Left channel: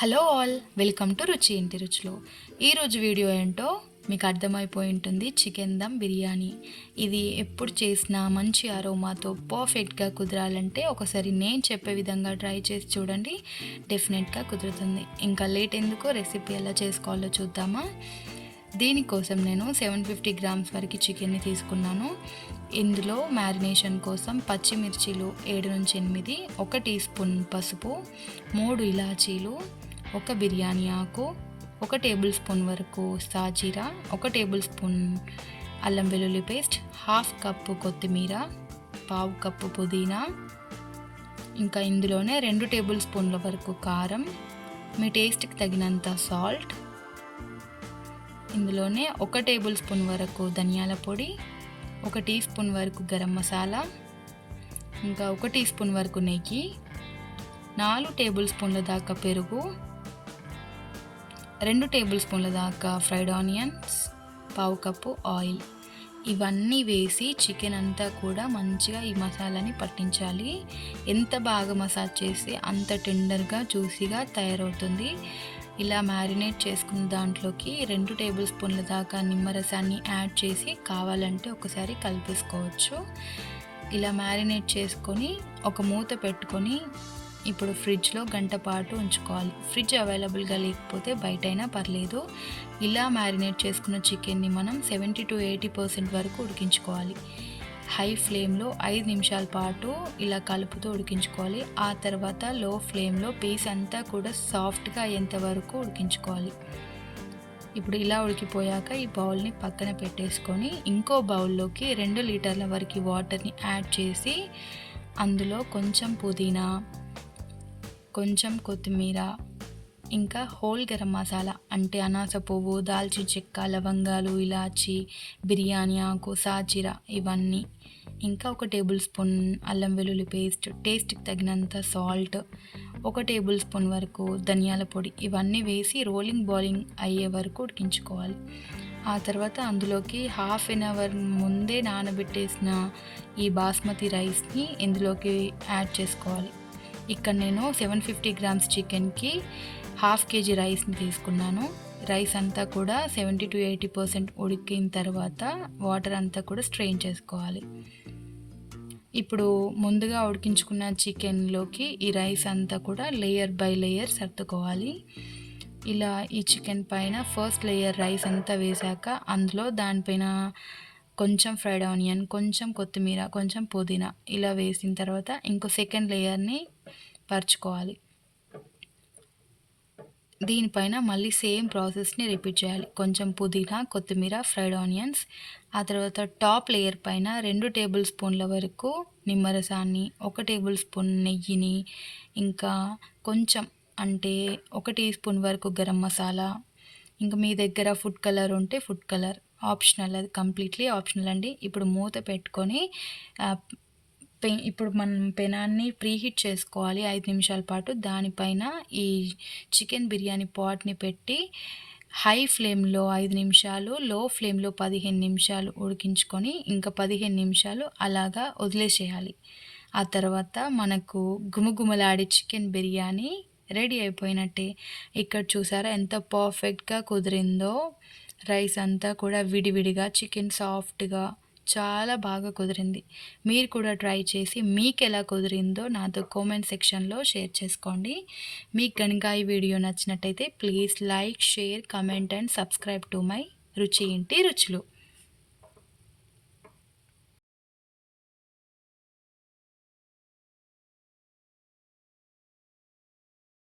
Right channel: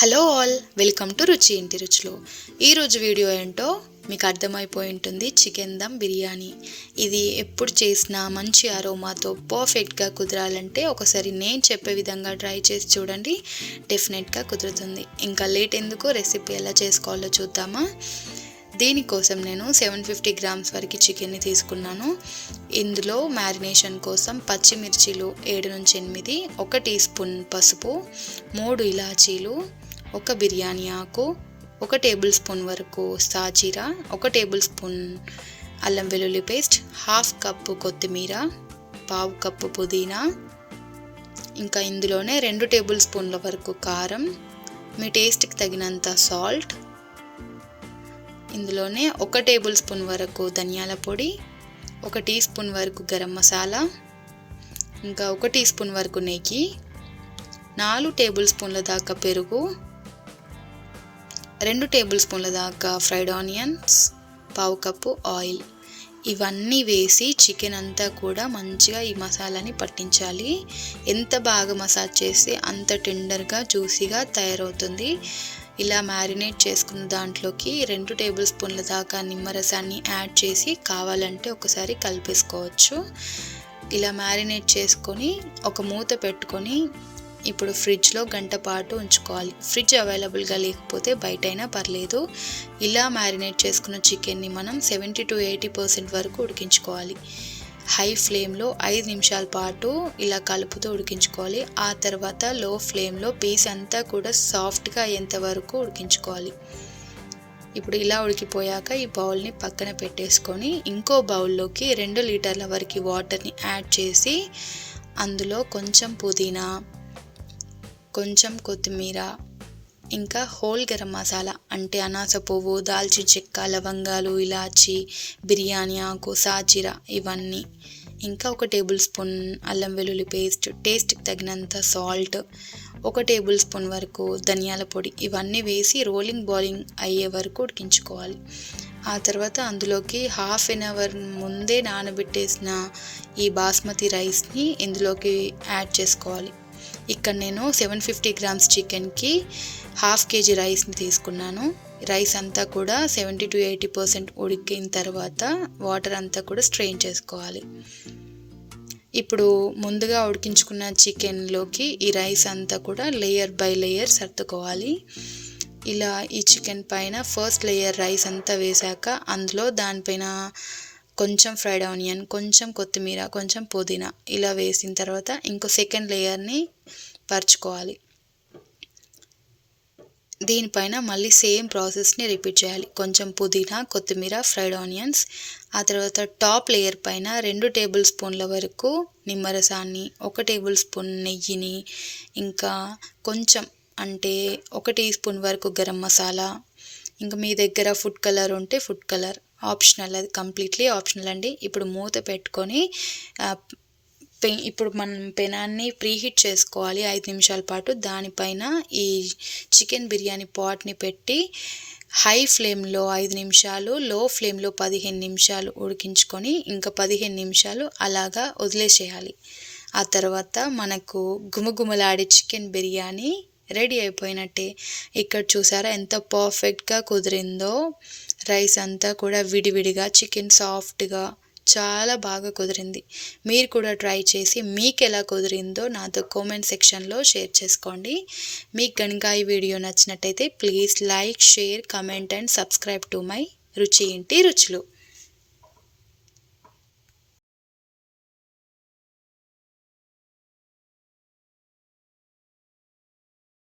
Hello all, welcome to రుచి ఇంటి రుచులు. ఈరోజు వీడియో ఏంటో మీకు అర్థమైపోయి ఉంటుంది. చికెన్ దమ్ బిర్యానీ. ఇది ఎప్పుడు చేసినా మంచి అరోమాతో పర్ఫెక్ట్గా కుదరాలంటే ఒకసారి నేను చెప్పే విధంగా ట్రై చేసి చూడండి, డెఫినెట్గా కుదురుతుంది. ఇంకా లేట్ ఎందుకు, రెసిపీ ఎలా చేసుకోవాలో చూద్దామా. దీనికోసం నేను 750 గ్రామ్స్ వరకు చికెన్ని తీసుకున్నాను. ఇందులో మ్యారినేషన్ కోసం పచ్చిమిర్చీలు 7 నుంచి 8, 1 టీ స్పూన్ పసుపు, 3 ఇలాచీలు, 1 బిర్యానీ ఆకు, 1 టేబుల్ స్పూన్ వరకు సాజీరా, 1 టేబుల్ స్పూన్ అల్లం వెల్లుల్లి పేస్ట్, హాఫ్ కప్పు కొత్తిమీర, పావు కప్పు పుదీనా, ఇంకా ఇందులోనే 2 టేబుల్ స్పూన్ల వరకు కారం, మీ టేస్ట్కి తగినంత సాల్ట్, ఇందులోనే 1 టేబుల్ స్పూన్ వరకు ధనియాల పొడి, 1 టీ స్పూన్ వరకు గరం మసాలా, ఇంకా 1 టీ స్పూన్ వరకు నెయ్యి, 4 టేబుల్ స్పూన్ల దాకా పెరుగు, 2 టేబుల్ స్పూన్ల దాకా ఫ్రైడ్ ఆనియన్స్, పావు కప్పు ఆయిల్. ఇవన్నీ వేసి చికెన్ అంతా కూడా మంచిగా ఈ మసాలాని పట్టించాలి. ఎంత బాగా మసాజ్ చేస్తే అంత టెండర్గా జ్యూసీగా తయారవుతుంది. ఇలా మ్యారినేట్ చేసుకున్న దాంట్లోకి 2 టేబుల్ స్పూన్ల దాకా నిమ్మరసాన్ని యాడ్ చేసి కావాలంటే ఒకసారి కలిపేసుకోవచ్చు. ఇలా మ్యారినేట్ చేసుకొని ఒక మూత పెట్టుకొని ఇప్పుడు ఫ్రిడ్జ్లో గంట పాటు ఉంచుకోవాలి. ఫ్రిడ్జ్ అవైలబుల్గా లేకపోతే బయటైనా పర్లేదు. ఇలా మ్యారినేట్ చేసుకున్న చికెన్ని మనం 70 to 80% వరకు ఉడికించుకోవాలి. హై ఫ్లేమ్లో 5 నిమిషాల పాటు ఇలా కలుపుతూ ఉడికించుకోవాలి. ఆ తర్వాత లో ఫ్లేమ్లో పీస్ అంతా కూడా సాఫ్ట్గా అయ్యేంత వరకు ఉడికించుకోవాలి. ఇప్పుడు ఇలా ఉడికిపోయాక ఈ బౌల్ని పక్కన పెట్టేసుకొని ఇంకో బౌల్లోకి 2 లీటర్ల వరకు వాటర్ని యాడ్ చేసి అందులో కొంచెం పుదీనా, కొంచెం కొత్తిమీర, ఇంకా హోల్ గరం మసాలా అంటే అనాస పువ్వు, దాల్చిన చెక్క, లవంగాలు, ఇలాచి, బిర్యానీ ఆకు, సాజీరా ఇవన్నీ, ఇంకా 1 టేబుల్ స్పూన్ అల్లం వెల్లుల్లి పేస్ట్, టేస్ట్కి తగినంత సాల్ట్, 1 టేబుల్ స్పూన్ వరకు ధనియాల పొడి, ఇవన్నీ వేసి రోలింగ్ బాయిలింగ్ అయ్యే వరకు ఉడికించుకోవాలి. ఆ తర్వాత అందులోకి హాఫ్ అన్ అవర్ ముందే నానబెట్టేసిన ఈ బాస్మతి రైస్ని ఇందులోకి యాడ్ చేసుకోవాలి. ఇక్కడ నేను 750 గ్రామ్స్ చికెన్కి 1/2 kg రైస్ని తీసుకున్నాను. రైస్ అంతా కూడా 70 to 80% ఉడికిన తర్వాత వాటర్ అంతా కూడా స్ట్రెయిన్ చేసుకోవాలి. ఇప్పుడు ముందుగా ఉడికించుకున్న చికెన్లోకి ఈ రైస్ అంతా కూడా లేయర్ బై లేయర్ సర్దుకోవాలి. ఇలా ఈ చికెన్ పైన ఫస్ట్ లేయర్ రైస్ అంతా వేశాక అందులో దానిపైన కొంచెం ఫ్రైడ్ ఆనియన్, కొంచెం కొత్తిమీర, కొంచెం పుదీనా ఇలా వేసిన తర్వాత ఇంకో సెకండ్ లేయర్ని పరుచుకోవాలి. దీనిపైన మళ్ళీ సేమ్ ప్రాసెస్ని రిపీట్ చేయాలి. కొంచెం పుదీనా, కొత్తిమీర, ఫ్రైడ్ ఆనియన్స్. ఆ తర్వాత టాప్ లేయర్ పైన 2 టేబుల్ స్పూన్ల వరకు నిమ్మరసాన్ని, 1 టేబుల్ స్పూన్ నెయ్యిని, ఇంకా కొంచెం అంటే 1 టీ స్పూన్ వరకు గరం మసాలా, ఇంకా మీ దగ్గర ఫుడ్ కలర్ ఉంటే ఫుడ్ కలర్, ఆప్షనల్, అది కంప్లీట్లీ ఆప్షనల్ అండి. ఇప్పుడు మూత పెట్టుకొని ఇప్పుడు మనం పెనాన్ని ప్రీహీట్ చేసుకోవాలి 5 నిమిషాల పాటు. దానిపైన ఈ చికెన్ బిర్యానీ పాట్ని పెట్టి హై ఫ్లేమ్లో 5 నిమిషాలు, లో ఫ్లేమ్లో 15 నిమిషాలు ఉడికించుకొని ఇంకా 15 నిమిషాలు అలాగా వదిలేసేయాలి. ఆ తర్వాత మనకు గుమగుమలాడే చికెన్ బిర్యానీ రెడీ అయిపోయినట్టే. ఇక్కడ చూసారా ఎంత పర్ఫెక్ట్గా కుదిరిందో. రైస్ అంతా కూడా విడివిడిగా, చికెన్ సాఫ్ట్గా చాలా బాగా కుదిరింది. మీరు కూడా ట్రై చేసి మీకు ఎలా కుదిరిందో నాతో కామెంట్ సెక్షన్లో షేర్ చేసుకోండి. మీకు కనుక ఈ వీడియో నచ్చినట్టయితే please like, share, comment and subscribe to my రుచి ఇంటి రుచులు.